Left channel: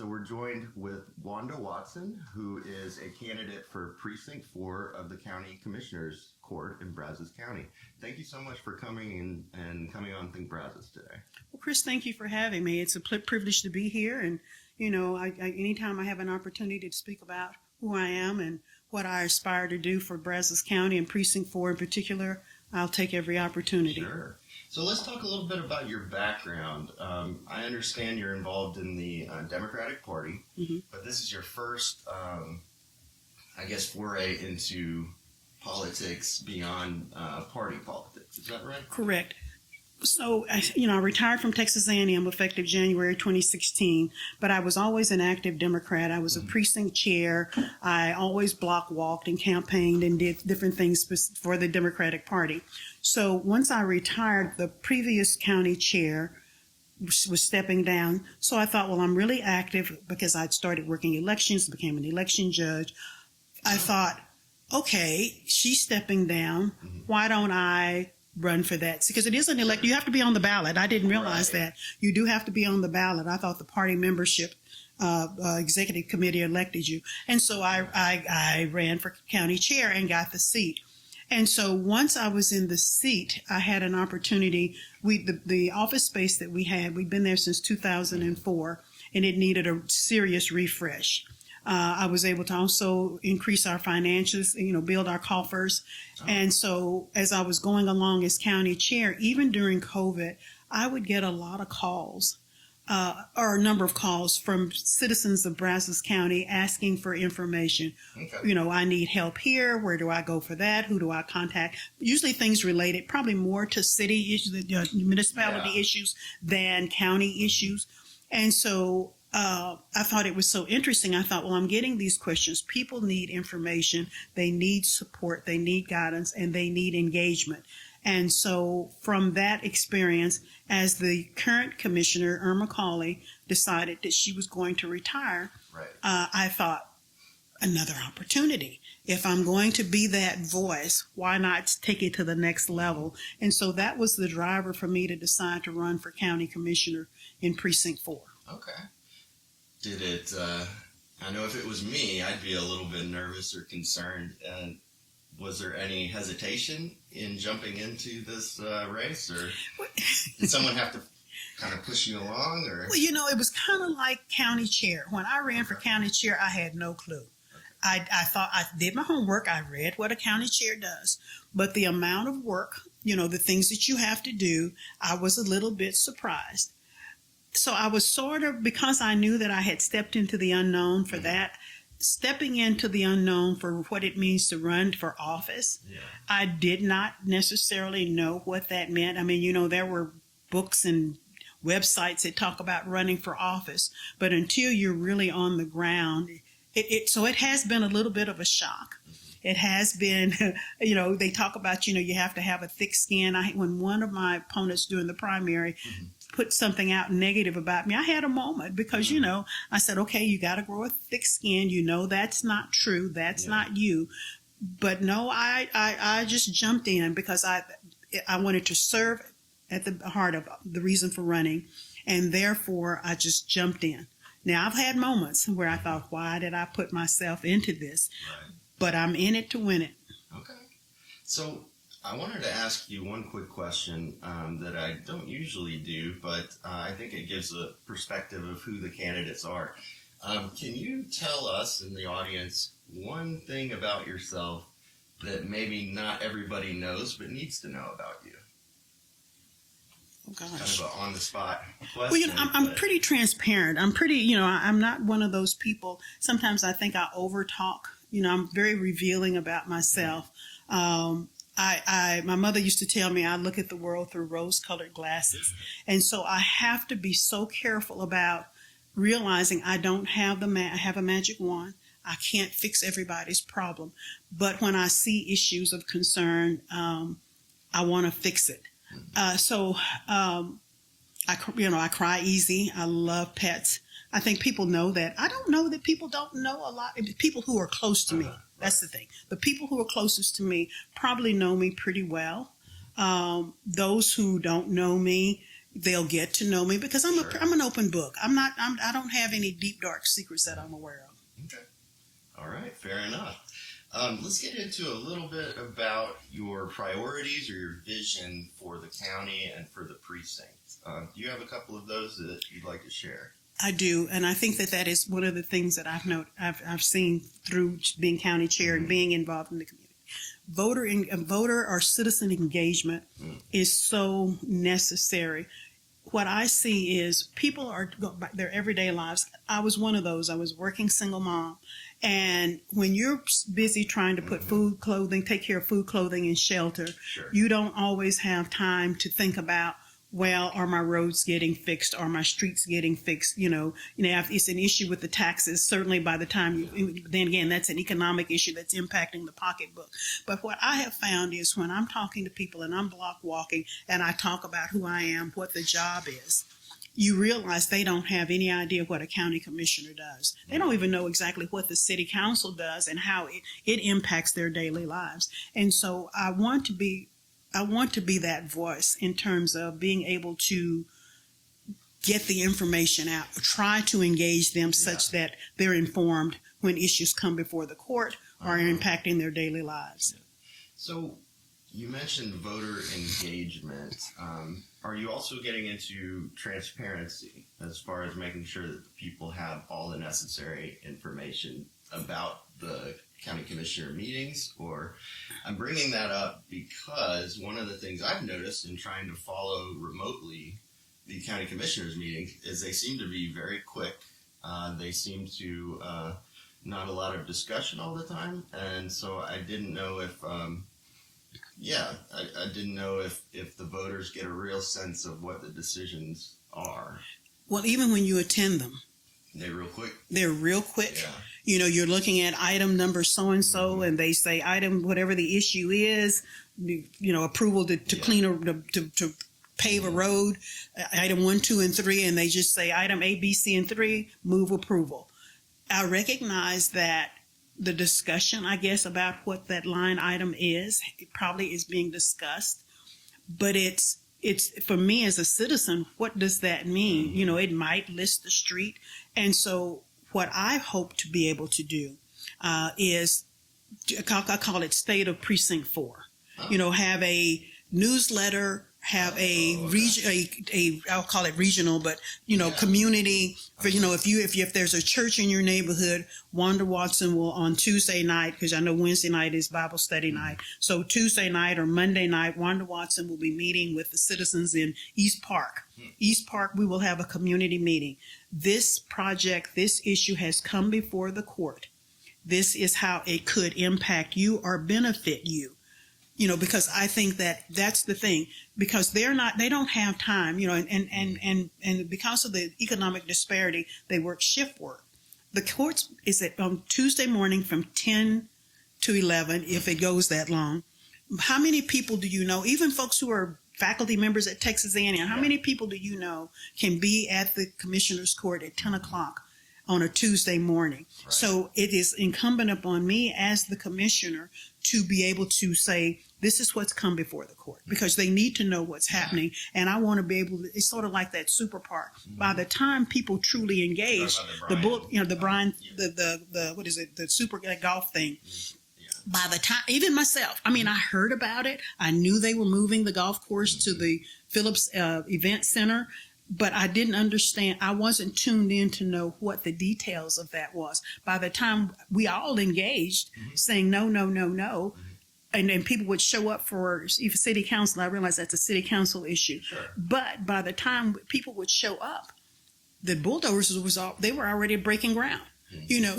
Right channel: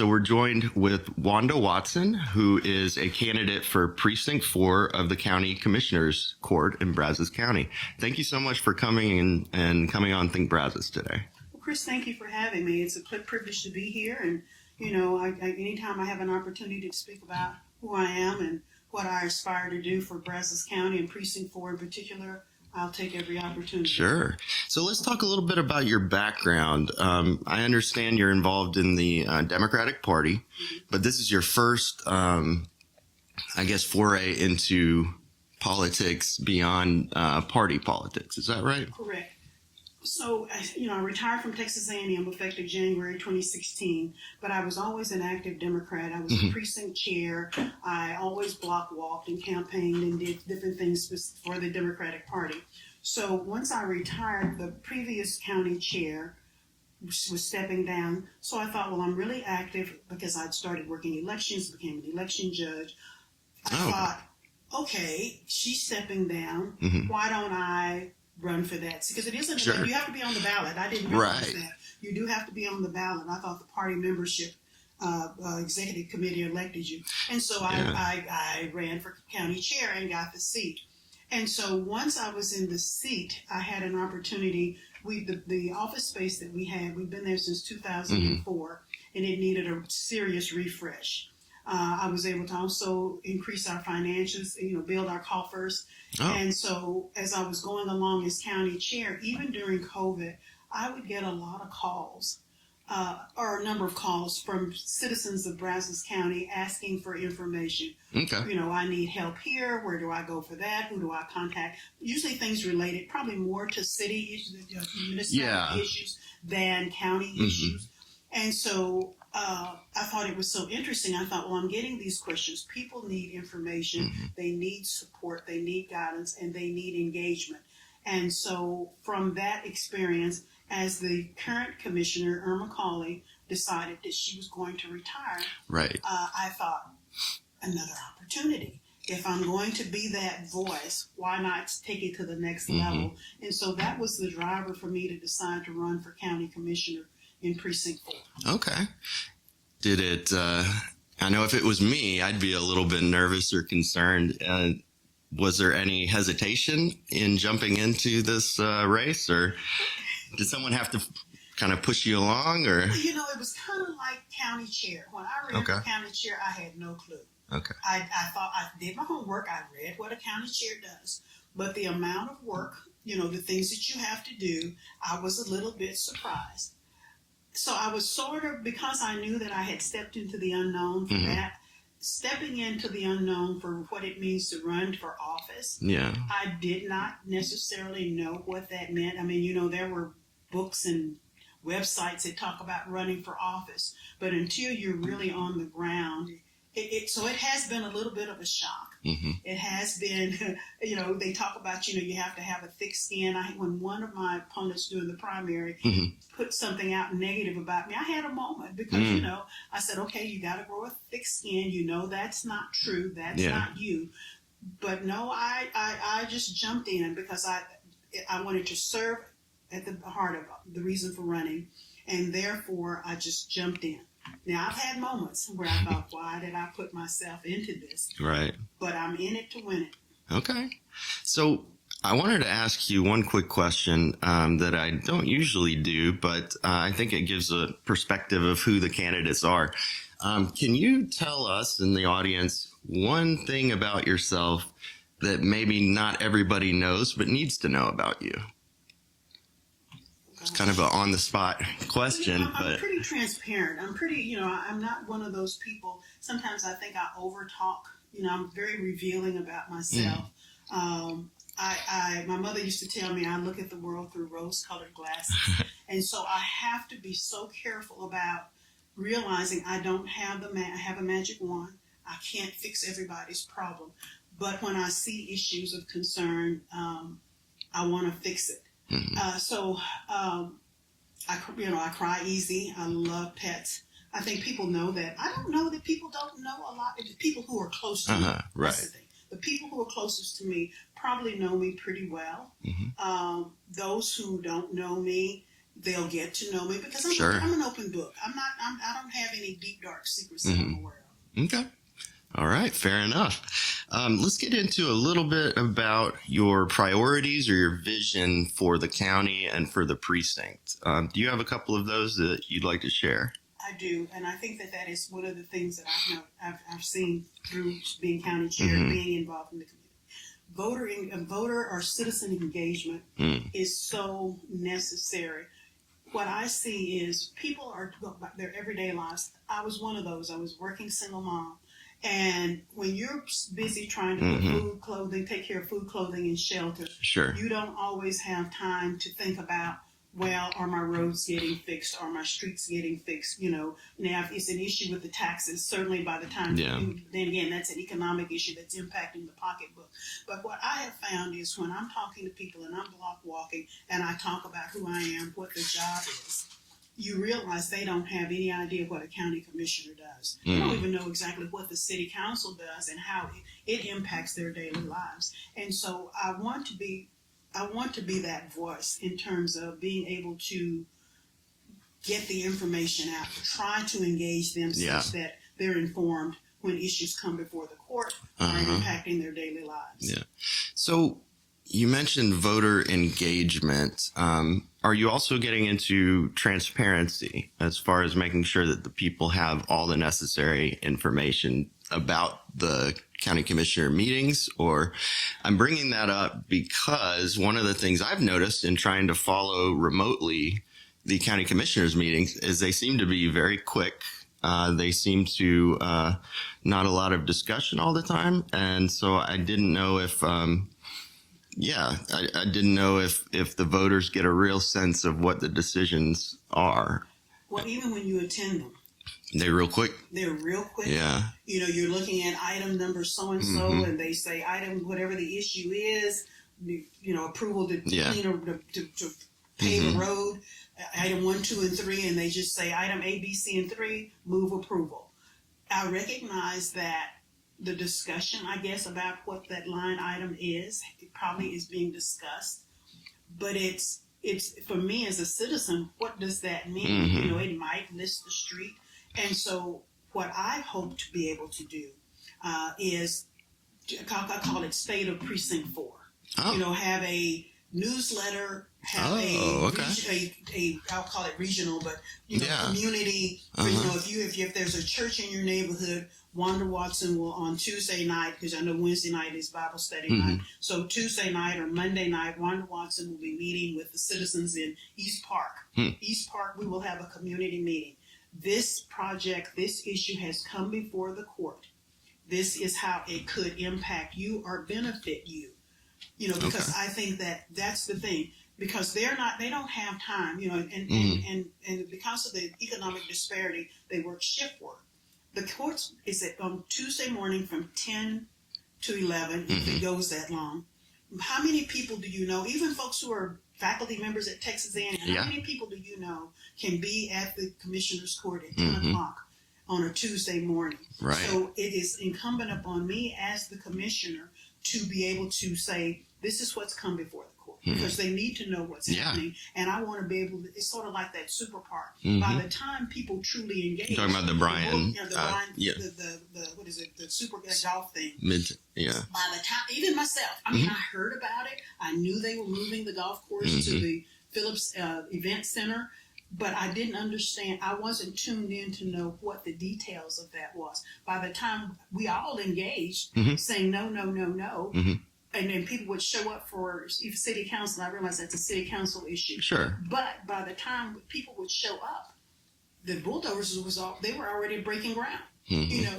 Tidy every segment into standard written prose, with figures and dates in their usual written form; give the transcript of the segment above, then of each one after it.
So we're joined with Wanda Watson, who is a candidate for Precinct 4 of the County Commissioners Court in Brazos County. Thank you so much for coming in and coming on Think Brazos today. Well, Chris, thank you for having me. It's a privilege to be here. And, you know, anytime I have an opportunity to speak about who I am and what I aspire to do for Brazos County and Precinct 4 in particular, I'll take every opportunity. Sure. So let's talk a little bit about your background. I understand you're involved in the Democratic Party, but this is your first, foray into politics beyond party politics. Is that right? Correct. So, I retired from Texas A&M effective January 2016, but I was always an active Democrat. I was a precinct chair. I always block walked and campaigned and did different things for the Democratic Party. So once I retired, the previous county chair was stepping down. So I thought, well, I'm really active because I'd started working elections, became an election judge. I thought, okay, she's stepping down. Why don't I run for that? Because it isn't like you have to be on the ballot. I didn't realize that. You do have to be on the ballot. I thought the party membership executive committee elected you. And so I ran for county chair and got the seat. And so once I was in the seat, I had an opportunity. The office space that we had, we'd been there since 2004, and it needed a serious refresh. I was able to also increase our finances, build our coffers. And so as I was going along as county chair, even during COVID, I would get a lot of calls, or a number of calls from citizens of Brazos County asking for information. I need help here. Where do I go for that? Who do I contact? Usually things related probably more to city issues, municipality issues than county issues. And so I thought it was so interesting. I thought, well, I'm getting these questions. People need information. They need support. They need guidance, and they need engagement. And so from that experience, as the current commissioner, Irma Cawley, decided that she was going to retire, I thought, another opportunity. If I'm going to be that voice, why not take it to the next level? And so that was the driver for me to decide to run for county commissioner in Precinct 4. Okay. Did it, I know if it was me, I'd be a little bit nervous or concerned. Was there any hesitation in jumping into this race, or did someone have to kind of push you along? Or? Well, it was kind of like county chair. When I ran for county chair, I had no clue. I thought I did my homework. I read what a county chair does. But the amount of work, the things that you have to do, I was a little bit surprised. So I was sort of, because I knew that I had stepped into the unknown for that, stepping into the unknown for what it means to run for office. I did not necessarily know what that meant. I mean, there were books and websites that talk about running for office, but until you're really on the ground, so it has been a little bit of a shock. It has been, they talk about, you have to have a thick skin. When one of my opponents during the primary put something out negative about me, I had a moment because, I said, okay, you got to grow a thick skin. That's not true. That's not you. But no, I just jumped in because I wanted to serve at the heart of the reason for running. And therefore, I just jumped in. Now, I've had moments where I thought, why did I put myself into this? Right. But I'm in it to win it. Okay. So I wanted to ask you one quick question that I don't usually do, but I think it gives a perspective of who the candidates are. Can you tell us in the audience one thing about yourself that maybe not everybody knows but needs to know about you? It's kind of an on-the-spot question. Well, I'm pretty transparent. I'm pretty, I'm not one of those people. Sometimes I think I over-talk. I'm very revealing about myself. My mother used to tell me I look at the world through rose-colored glasses. And so I have to be so careful about realizing I don't have I have a magic wand. I can't fix everybody's problem. But when I see issues of concern, I want to fix it. I cry easy. I love pets. I think people know that. I don't know that people don't know a lot. People who are close to me, that's the thing. The people who are closest to me probably know me pretty well. Those who don't know me, They'll get to know me because I'm an open book. I don't have any deep, dark secrets that I'm aware of. Okay. All right. Fair enough. Let's get into a little bit about your priorities or your vision for the county and for the precinct. Do you have a couple of those that you'd like to share? I do, and I think that is one of the things that I've seen through being county chair and being involved in the community. Voter or citizen engagement is so necessary. What I see is people are going about their everyday lives. I was one of those. I was working single mom, and when you're busy trying to put food, clothing, take care of food, clothing, and shelter, you don't always have time to think about, well, are my roads getting fixed? Are my streets getting fixed? If it's an issue with the taxes, certainly by the time, then again, that's an economic issue that's impacting the pocketbook. But what I have found is when I'm talking to people and I'm block walking and I talk about who I am, what the job is, you realize they don't have any idea what a county commissioner does. They don't even know exactly what the city council does and how it impacts their daily lives. And so I want to be that voice in terms of being able to get the information out, try to engage them such that they're informed when issues come before the court or are impacting their daily lives. Yeah. So you mentioned voter engagement. Are you also getting into transparency as far as making sure that the people have all the necessary information about the county commissioner meetings? Or I'm bringing that up because one of the things I've noticed in trying to follow remotely the county commissioners meetings is they seem to be very quick. They seem to not a lot of discussion all the time. And so I didn't know if I didn't know if the voters get a real sense of what the decisions are. Well, even when you attend them, they're real quick. Yeah. You're looking at item number so-and-so, and they say item, whatever the issue is, approval to clean or to pave a road, item 1, 2, and 3, and they just say item A, B, C, and 3, move approval. I recognize that the discussion, I guess, about what that line item is, it probably is being discussed, but it's for me as a citizen, what does that mean? It might list the street. And so what I hope to be able to do is, I call it State of Precinct 4. Have a newsletter, have I'll call it regional, but community. For, if there's a church in your neighborhood, Wanda Watson will on Tuesday night, because I know Wednesday night is Bible study night. So Tuesday night or Monday night, Wanda Watson will be meeting with the citizens in East Park. East Park, we will have a community meeting. This project, this issue has come before the court. This is how it could impact you or benefit you. Because I think that's the thing, because they don't have time, and because of the economic disparity, they work shift work. The courts is on Tuesday morning from 10 to 11, if it goes that long. How many people do you know, even folks who are faculty members at Texas A&M, how many people do you know can be at the Commissioners Court at 10 o'clock on a Tuesday morning? Right. So it is incumbent upon me as the commissioner to be able to say, this is what's come before the court, because they need to know what's happening. And I want to be able to, it's sort of like that super park. By the time people truly engage, you're talking about the Brian, the super golf thing. Yeah. By the time, even myself, I mean, I heard about it. I knew they were moving the golf course to the Phillips Event Center, but I didn't understand. I wasn't tuned in to know what the details of that was. By the time we all engaged, saying no, no, no, no, and people would show up for city council. I realized that's a city council issue. Sure. But by the time people would show up, the bulldozers they were already breaking ground.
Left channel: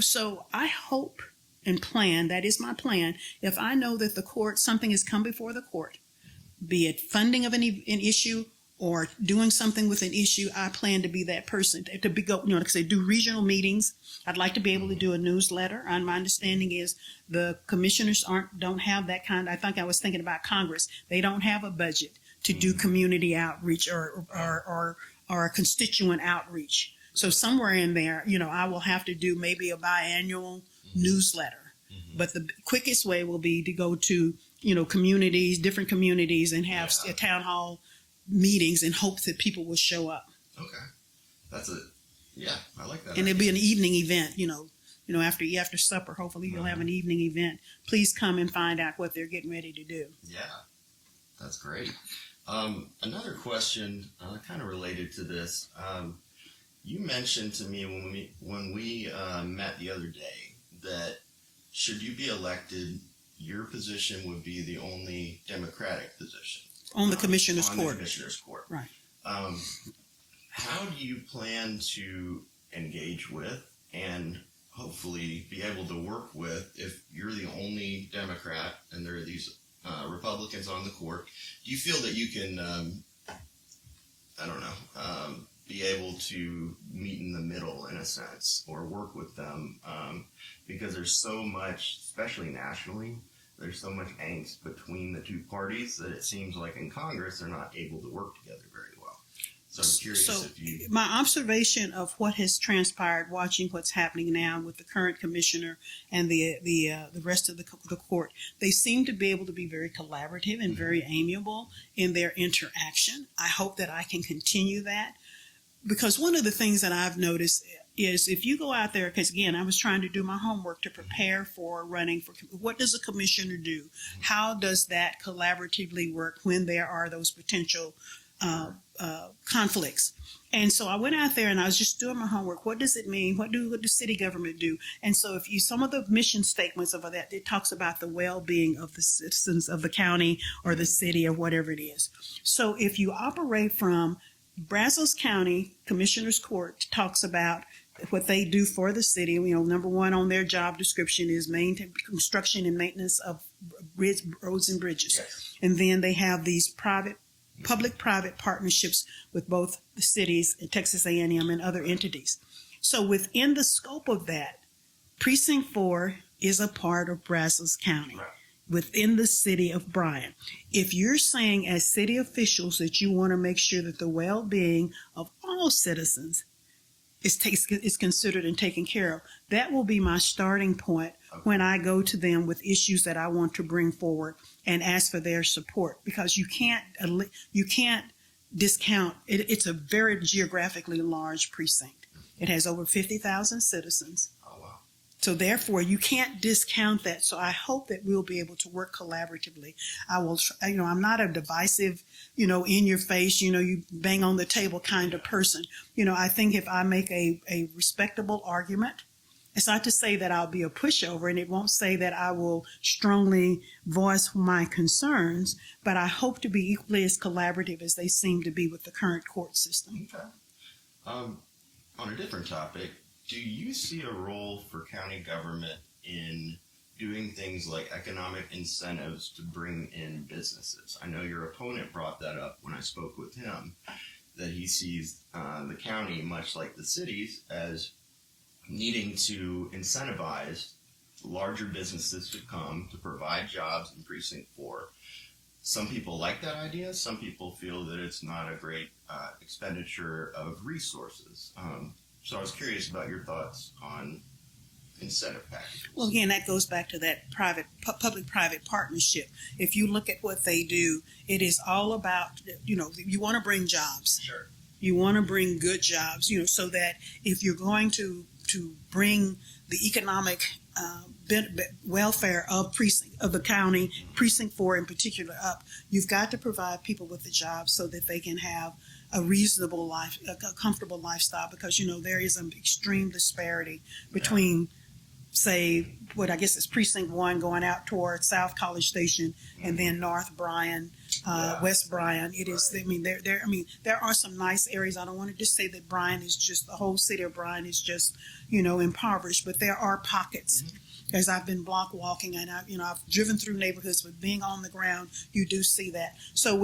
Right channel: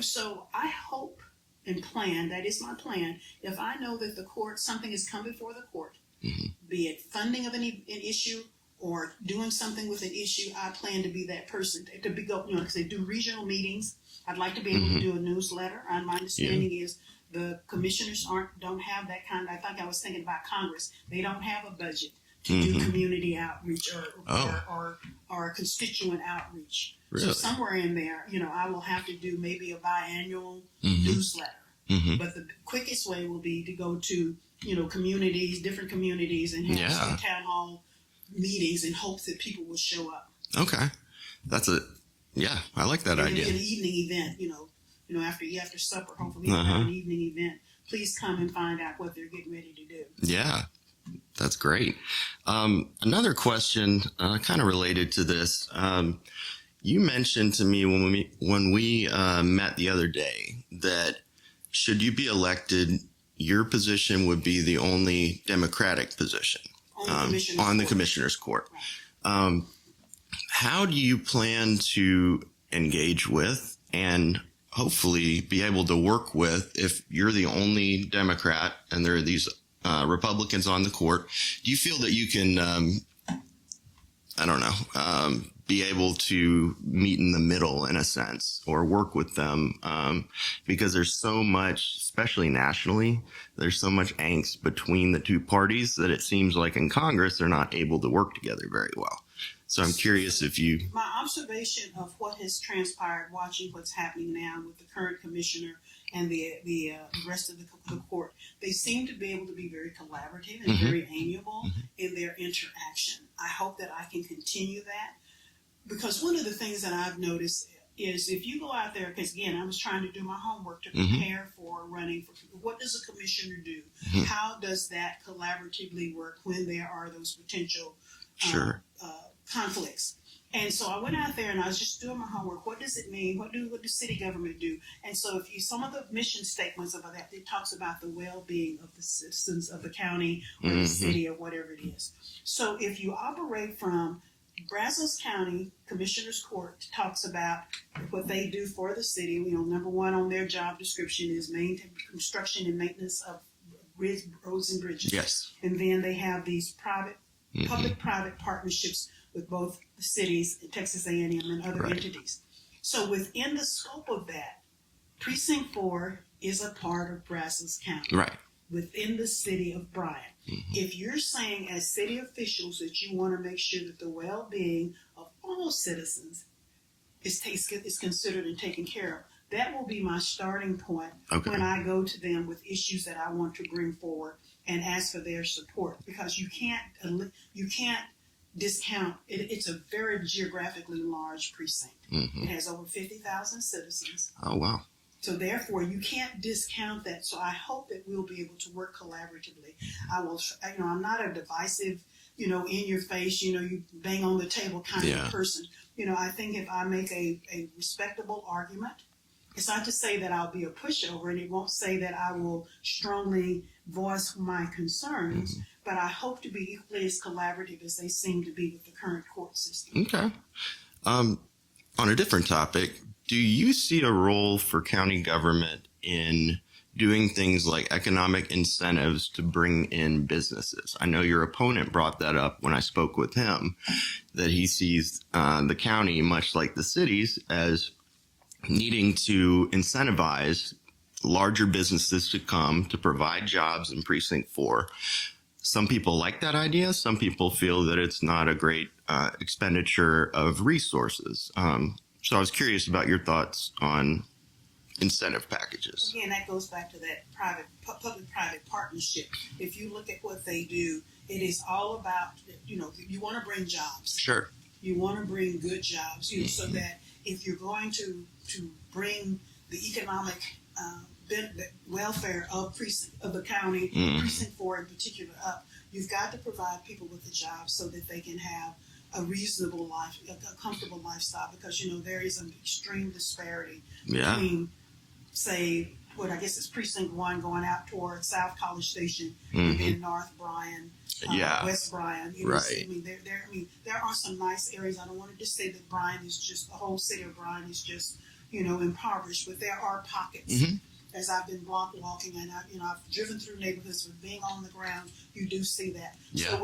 So I hope and plan, that is my plan, if I know that the court, something has come before the court, be it funding of an issue or doing something with an issue, I plan to be that person to be because they do regional meetings. I'd like to be able to do a newsletter. And my understanding is the commissioners don't have that kind. I think I was thinking about Congress. They don't have a budget to do community outreach or constituent outreach. Really? So somewhere in there, I will have to do maybe a biannual newsletter. But the quickest way will be to go to, communities, different communities, and have a town hall meetings in hopes that people will show up. Okay. I like that and idea. it'll be an evening event, after supper, hopefully they'll have an evening event. Please come and find out what they're getting ready to do. Yeah, that's great. Another question kind of related to this. You mentioned to me when we met the other day that should you be elected, your position would be the only Democratic position on the commissioner's court. The commissioner's court. Right. How do you plan to engage with and hopefully be able to work with if you're the only Democrat and there are these Republicans on the court? Do you feel that you can, be able to meet in the middle in a sense or work with them? Because there's so much, especially nationally, there's so much angst between the two parties that it seems like in Congress they're not able to work together very well. So I'm curious if you... My observation of what has transpired watching what's happening now with the current commissioner and the rest of the court, they seem to be able to be very collaborative and very amiable in their interaction. I hope that I can continue that, because one of the things that I've noticed is if you go out there, because again, I was trying to do my homework to prepare for running for, what does a commissioner do? How does that collaboratively work when there are those potential conflicts? And so I went out there and I was just doing my homework. What does it mean? What does city government do? And so if you, some of the mission statements of that, it talks about the well-being of the citizens of the county or the city or whatever it is. So if you operate from Brazos County Commissioners Court talks about what they do for the city. Number one on their job description is maintain construction and maintenance of roads and bridges. Yes. And then they have these public-private partnerships with both the cities, Texas A&M, and other entities. So within the scope of that, Precinct 4 is a part of Brazos County. Right. Within the city of Bryan. If you're saying as city officials that you want to make sure that the well-being of all citizens is considered and taken care of, that will be my starting point when I go to them with issues that I want to bring forward and ask for their support, because you can't discount it. It's a very geographically large precinct. It has over 50,000 citizens. Oh, wow. So therefore, you can't discount that. So I hope that we'll be able to work collaboratively. I will, I'm not a divisive, in your face, you bang on the table kind of person. I think if I make a respectable argument, it's not to say that I'll be a pushover, and it won't say that I will strongly voice my concerns, but I hope to be equally as collaborative as they seem to be with the current court system. Okay. On a different topic, do you see a role for county government in doing things like economic incentives to bring in businesses? I know your opponent brought that up when I spoke with him, that he sees the county, much like the cities, as needing to incentivize larger businesses to come to provide jobs in Precinct 4. Some people like that idea. Some people feel that it's not a great expenditure of resources. So I was curious about your thoughts on incentive packages. Well, again, that goes back to that public-private partnership. If you look at what they do, it is all about, you want to bring jobs. Sure. You want to bring good jobs, so that if you're going to bring the economic welfare of the county, Precinct 4 in particular, up, you've got to provide people with the jobs so that they can have a reasonable life, a comfortable lifestyle, because, there is an extreme disparity between, say, what I guess is Precinct 1 going out toward South College Station and then North Bryan, West Bryan. It is, there are some nice areas. I don't want to just say that Bryan is just, the whole city of Bryan is just, impoverished, but there are pockets. As I've been block walking and I've driven through neighborhoods, but being on the ground, you do see that. So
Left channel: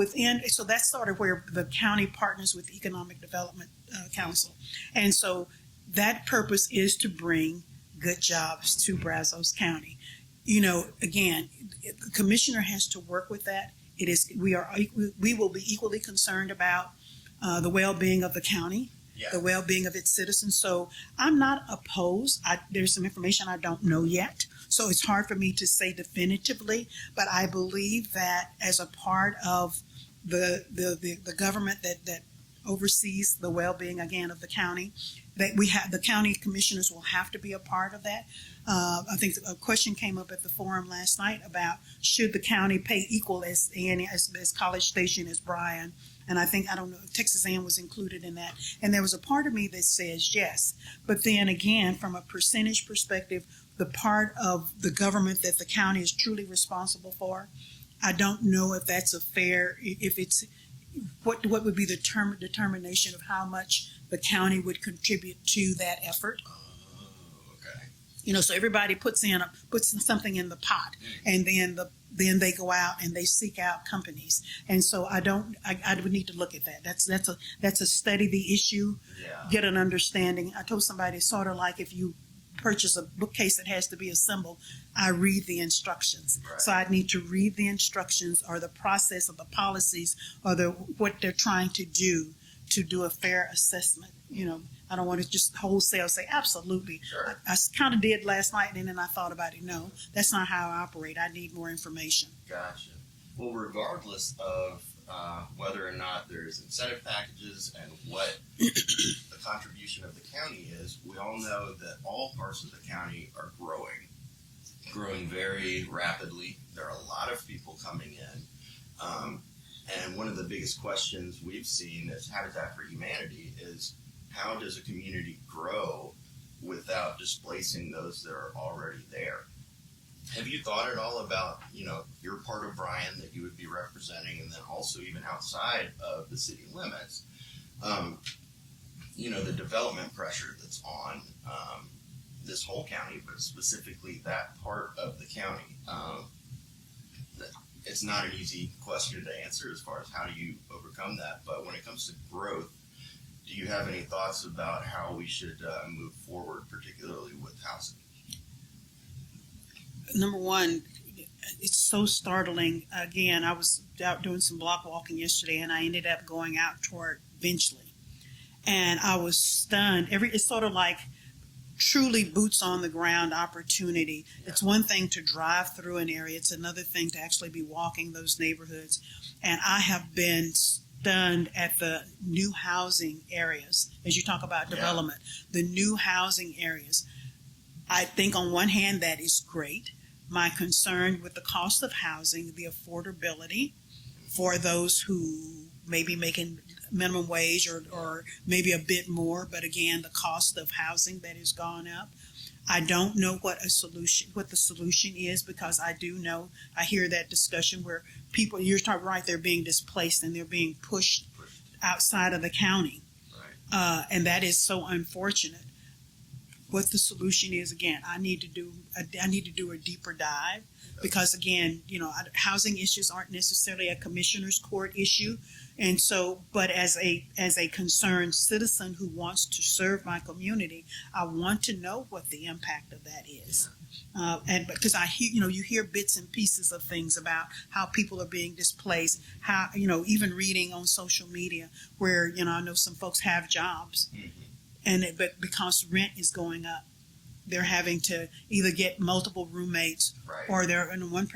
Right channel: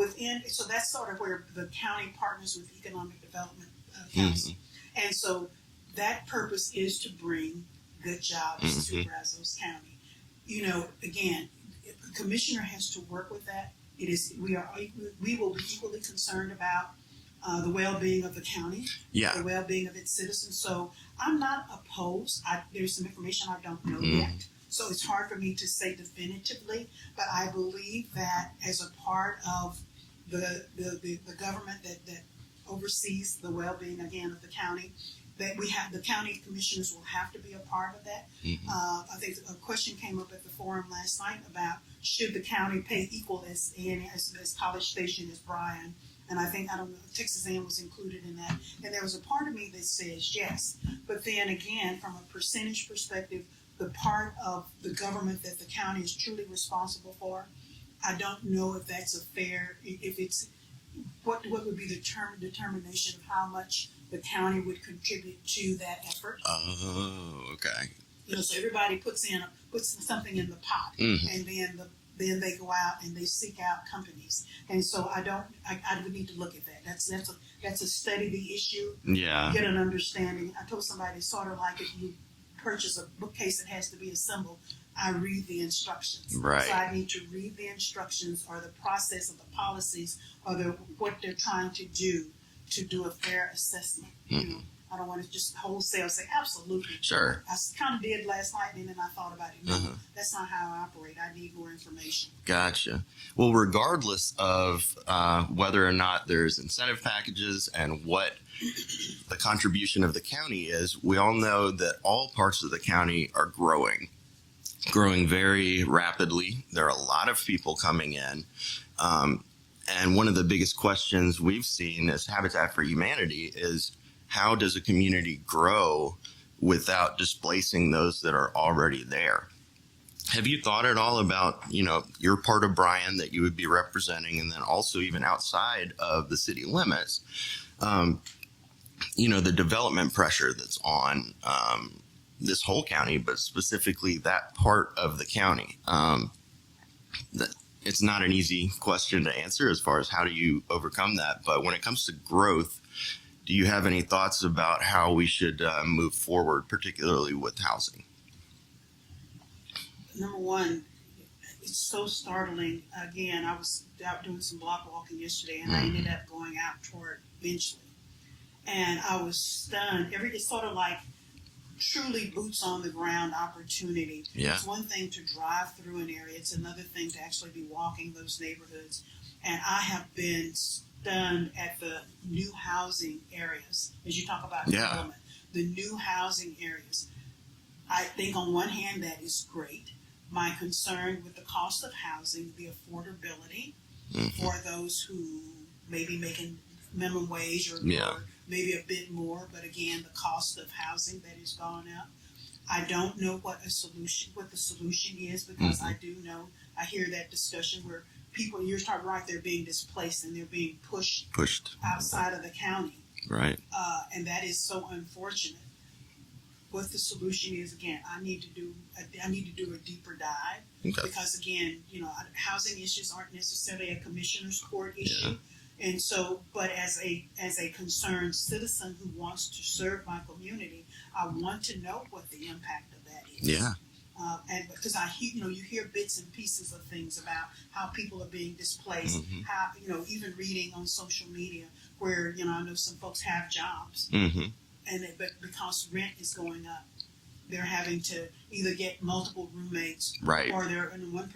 so that's sort of where the county partners with the Economic Development Council. And so that purpose is to bring good jobs to Brazos County. Again, the commissioner has to work with that. We will be equally concerned about the well-being of the county, the well-being of its citizens. So I'm not opposed. There's some information I don't know yet, so it's hard for me to say definitively, but I believe that as a part of the government that oversees the well-being again of the county. That we have the county commissioners will have to be a part of that. I think a question came up at the forum last night about should the county pay equal as College Station as Bryan, and I don't know, Texas A&M was included in that. And there was a part of me that says yes, but then again, from a percentage perspective, the part of the government that the county is truly responsible for, I don't know if that's a fair. If it's what would be the determination of how much the county would contribute to that effort. Oh, okay. So everybody puts in something in the pot, and then they go out and they seek out companies. And so I would need to look at that. That's a study the issue. Yeah. Get an understanding. I told somebody it's sort of like if you purchase a bookcase that has to be assembled, I read the instructions. Right. So I need to read the instructions or the process of the policies or what they're trying to do a fair assessment. I don't want to just wholesale say absolutely. Sure. I kind of did last night, and then I thought about it. No, that's not how I operate. I need more information. Gotcha. Well, regardless of whether or not there's incentive packages and what the contribution of the county is, we all know that all parts of the county are growing very rapidly. There are a lot of people coming in. And one of the biggest questions we've seen as Habitat for Humanity is how does a community grow without displacing those that are already there? Have you thought at all about, your part of Bryan that you would be representing, and then also even outside of the city limits, the development pressure that's on this whole county, but specifically that part of the county? It's not an easy question to answer as far as how do you overcome that. But when it comes to growth, do you have any thoughts about how we should move forward, particularly with housing? Number one, it's so startling. Again, I was out doing some block walking yesterday, and I ended up going out toward Benchley. And I was stunned. It's sort of like truly boots on the ground opportunity. Yeah. It's one thing to drive through an area. It's another thing to actually be walking those neighborhoods. And I have been stunned at the new housing areas. As you talk about development, the new housing areas. I think on one hand that is great. My concern with the cost of housing, the affordability for those who may be making minimum wage or maybe a bit more, but again, the cost of housing that has gone up. I don't know what the solution is, because I do know, I hear that discussion where people, you're talking right, they're being displaced and they're being pushed outside of the county. Right. And that is so unfortunate. What the solution is, again, I need to do a deeper dive, because again, housing issues aren't necessarily a commissioner's court issue. And so, but as a concerned citizen who wants to serve my community, I want to know what the impact of that is. Yeah. And because I hear, you hear bits and pieces of things about how people are being displaced, how, even reading on social media where, I know some folks have jobs, but because rent is going up, they're having to either get multiple roommates, right, or they're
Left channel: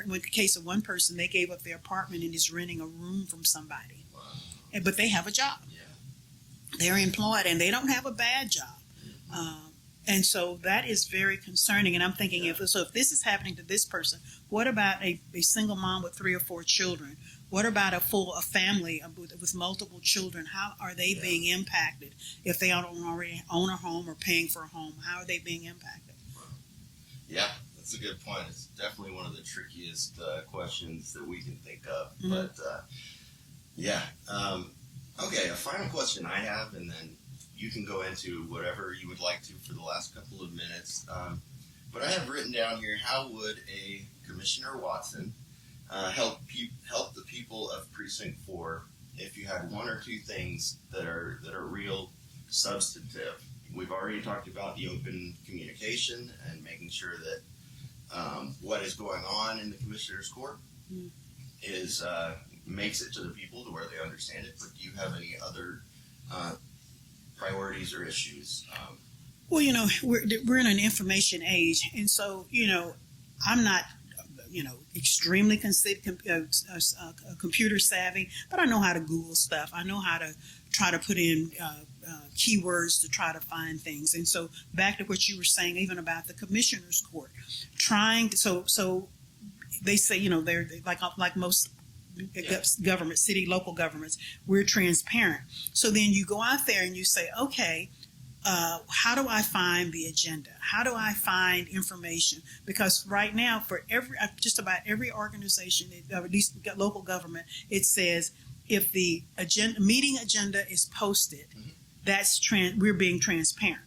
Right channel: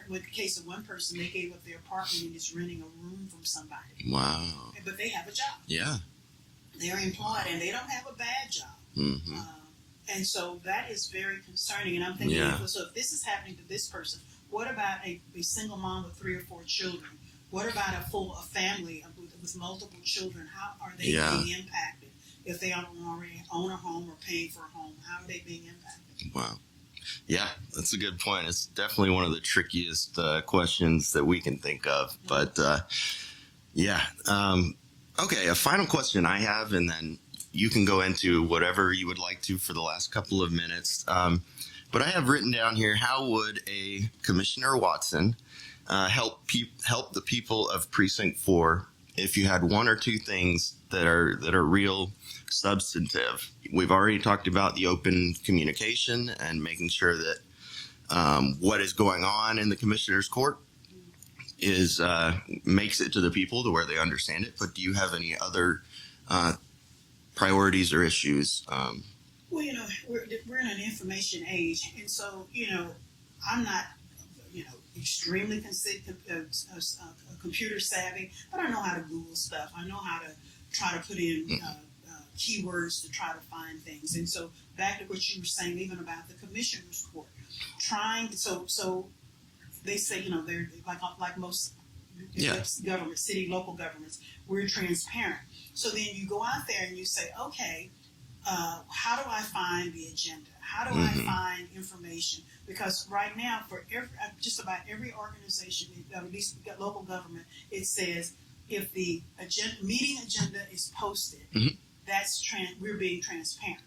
with the case of one person, they gave up their apartment and is renting a room from somebody. Wow. But they have a job. Yeah. They're employed and they don't have a bad job. And so that is very concerning. And I'm thinking, if this is happening to this person, what about a single mom with 3 or 4 children? What about a family with multiple children? How are they being impacted if they don't already own a home or paying for a home? How are they being impacted? Wow. Yeah, that's a good point. It's definitely one of the trickiest questions that we can think of. But okay, a final question I have, and then you can go into whatever you would like to for the last couple of minutes. But I have written down here, how would a Commissioner Watson help the people of Precinct 4 if you had 1 or 2 things that are real substantive? We've already talked about the open communication and making sure that what is going on in the Commissioner's Court is makes it to the people to where they understand it. But do you have any other priorities or issues? Well, we're in an information age, and so I'm not extremely computer savvy, but I know how to Google stuff. I know how to try to put in keywords to try to find things. And so back to what you were saying, even about the Commissioners Court, so they say, they're like most government, city, local governments, we're transparent. So then you go out there and you say, okay, how do I find the agenda? How do I find information? Because right now, for just about every organization, or at least local government, it says if the meeting agenda is posted, we're being transparent.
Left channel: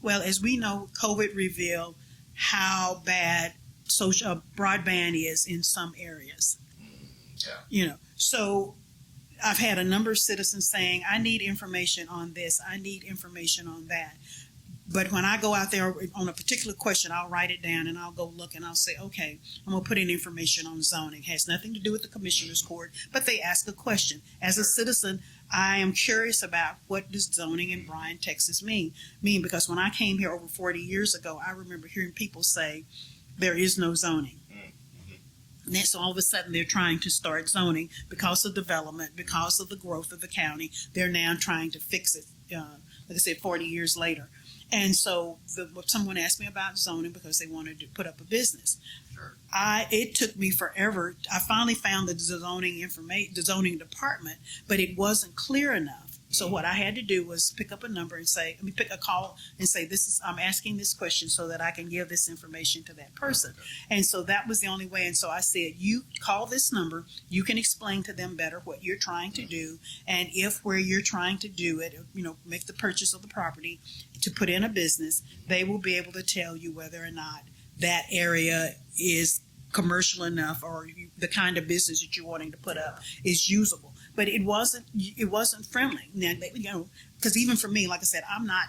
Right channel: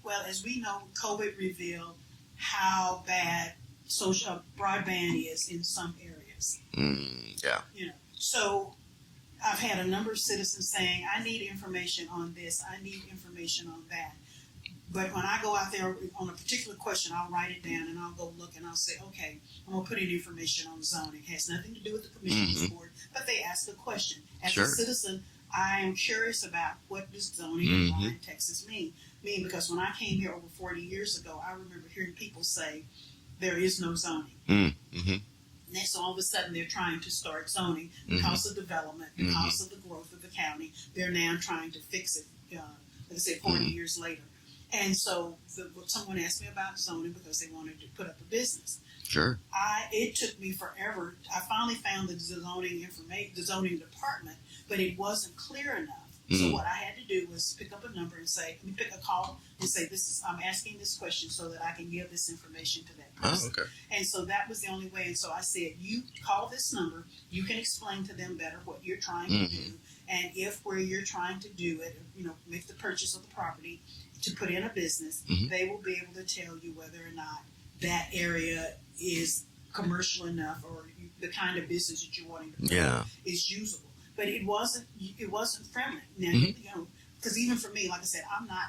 Well, as we know, COVID revealed how bad social broadband is in some areas. So I've had a number of citizens saying, I need information on this, I need information on that. But when I go out there on a particular question, I'll write it down and I'll go look and I'll say, okay, I'm going to put in information on zoning. It has nothing to do with the Commissioners Court, but they ask a question. As a citizen, I am curious about what does zoning in Bryan, Texas mean, because when I came here over 40 years ago, I remember hearing people say, there is no zoning. And then, so all of a sudden they're trying to start zoning because of development, because of the growth of the county. They're now trying to fix it, like I said, 40 years later. And so someone asked me about zoning because they wanted to put up a business. It took me forever. I finally found the zoning department, but it wasn't clear enough. So what I had to do was pick up a number and pick a call and say, I'm asking this question so that I can give this information to that person. And so that was the only way. And so I said, you call this number, you can explain to them better what you're trying to do. And if where you're trying to do it, make the purchase of the property to put in a business, they will be able to tell you whether or not that area is commercial enough or the kind of business that you're wanting to put up is usable. But it wasn't friendly. Now, because even for me, like I said, I'm not,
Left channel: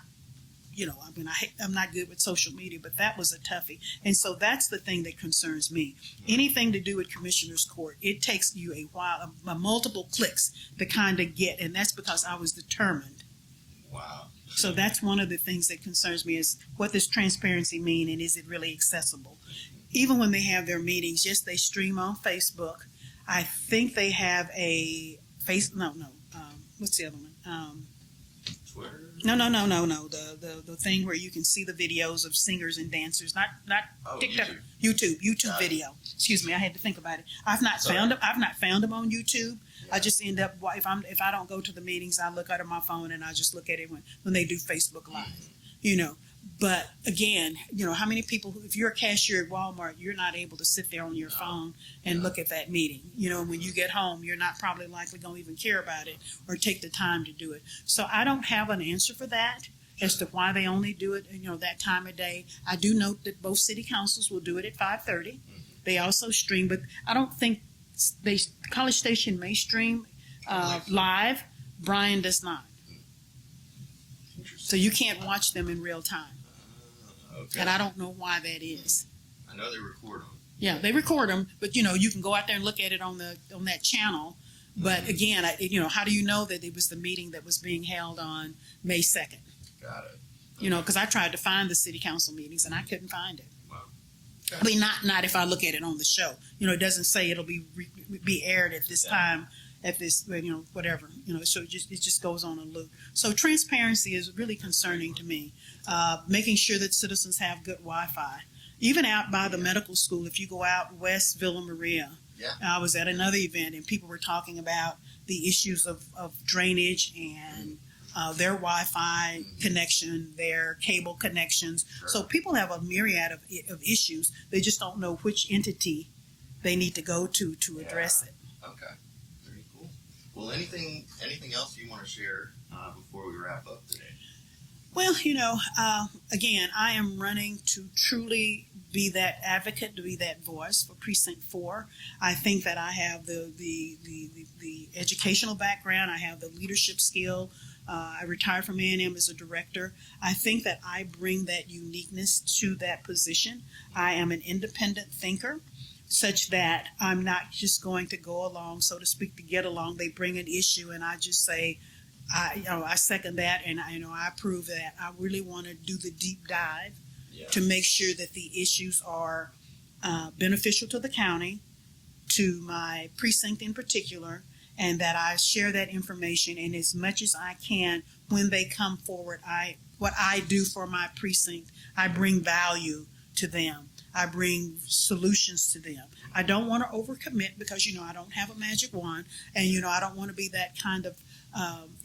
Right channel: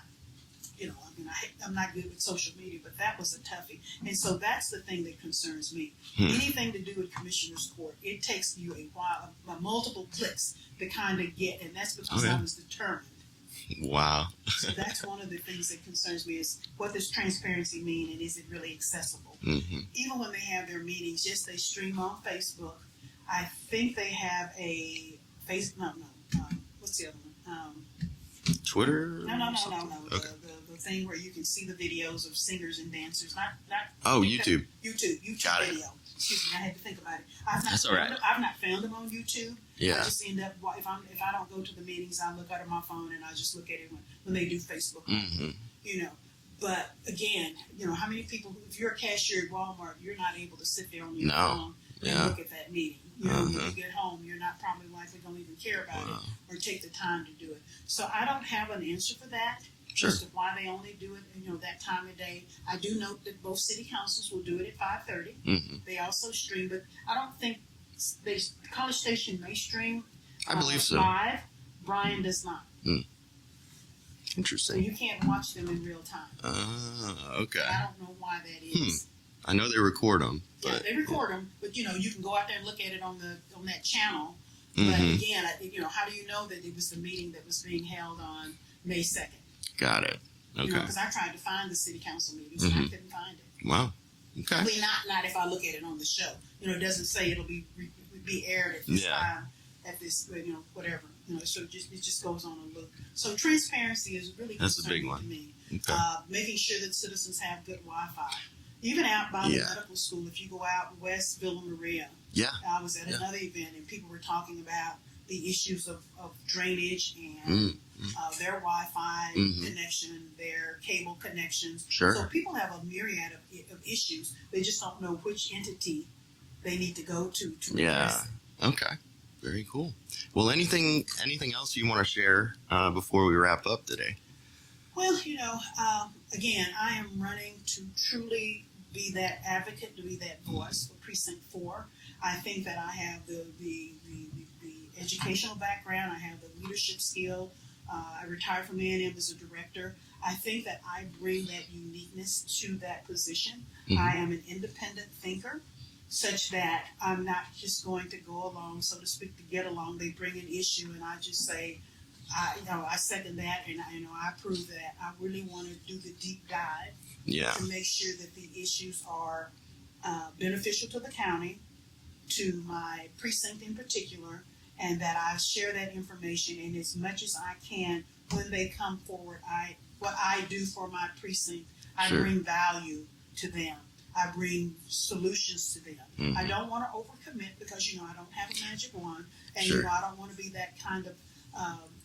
I'm not good with social media, but that was a toughie. And so that's the thing that concerns me. Anything to do with Commissioners Court, it takes you a while, multiple clicks to kind of get, and that's because I was determined. Wow. So that's one of the things that concerns me is what does transparency mean and is it really accessible? Even when they have their meetings, yes, they stream on Facebook. I think they have a what's the other one? Twitter? No. The thing where you can see the videos of singers and dancers. Not YouTube. YouTube video. Excuse me, I had to think about it. I've not found them on YouTube. I just end up if I don't go to the meetings, I look out of my phone and I just look at it when they do Facebook Live. But again, how many people, if you're a cashier at Walmart, you're not able to sit there on your phone and look at that meeting. When you get home, you're not probably likely going to even care about it or take the time to do it. So I don't have an answer for that as to why they only do it, that time of day. I do note that both city councils will do it at 5:30. They also stream, but I don't think College Station may stream live. Bryan does not. Interesting. So you can't watch them in real time. Okay. And I don't know why that is. I know they record them. Yeah, they record them, but you can go out there and look at it on that channel. But again, how do you know that it was the meeting that was being held on May 2nd? Got it. Okay. Because I tried to find the city council meetings and I couldn't find it. Wow. Okay. I mean, not if I look at it on the show. It doesn't say it'll be aired at this time, at this, whatever. So it just goes on a loop. So transparency is really concerning to me. Okay. Making sure that citizens have good Wi-Fi. Even out by the medical school, if you go out west Villa Maria, I was at another event and people were talking about the issues of drainage and their Wi-Fi connection, their cable connections. So people have a myriad of issues. They just don't know which entity they need to go to address it. Okay. Very cool. Well, anything else you want to share before we wrap up today? Well, again, I am running to truly be that advocate, to be that voice for Precinct 4. I think that I have the educational background. I have the leadership skill. I retired from A&M as a director. I think that I bring that uniqueness to that position. I am an independent thinker, such that I'm not just going to go along, so to speak, to get along. They bring an issue and I just say, I second that and I approve that. I really want to do the deep dive to make sure that the issues are beneficial to the county, to my precinct in particular, and that I share that information. And as much as I can, when they come forward, what I do for my precinct, I Sure. bring value to them. I bring solutions to them. Mm-hmm. I don't want to overcommit because, I don't have a magic wand. And, Sure. I don't want to be that kind of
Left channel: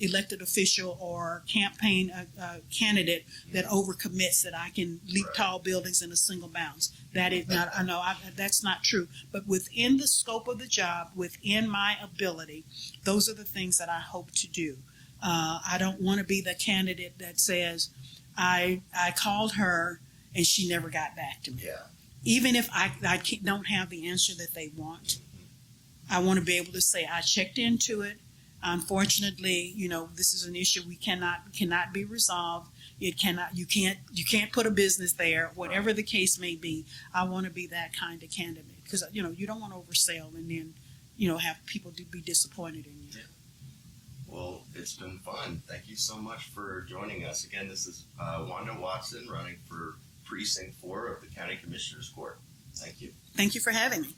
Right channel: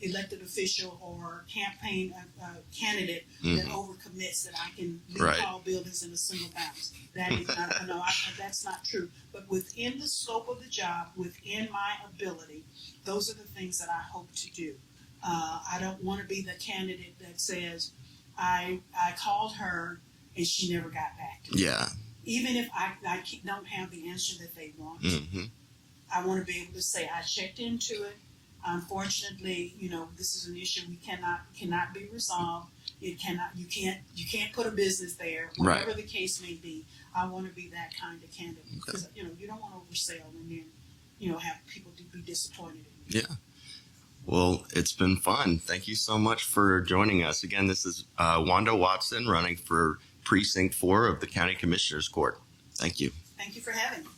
elected official or campaign candidate that overcommits, that I can leap Right. tall buildings in a single bounce. That is not, that's not true. But within the scope of the job, within my ability, those are the things that I hope to do. I don't want to be the candidate that says, I called her and she never got back to me. Yeah. Even if I don't have the answer that they want, Mm-hmm. I want to be able to say I checked into it. Unfortunately, this is an issue we cannot be resolved. You can't put a business there, whatever Right. the case may be. I want to be that kind of candidate because you don't want to oversell and then have people be disappointed in you. Yeah. Well, it's been fun. Thank you so much for joining us. Again, this is Wanda Watson running for Precinct 4 of the County Commissioners Court. Thank you. Thank you for having me.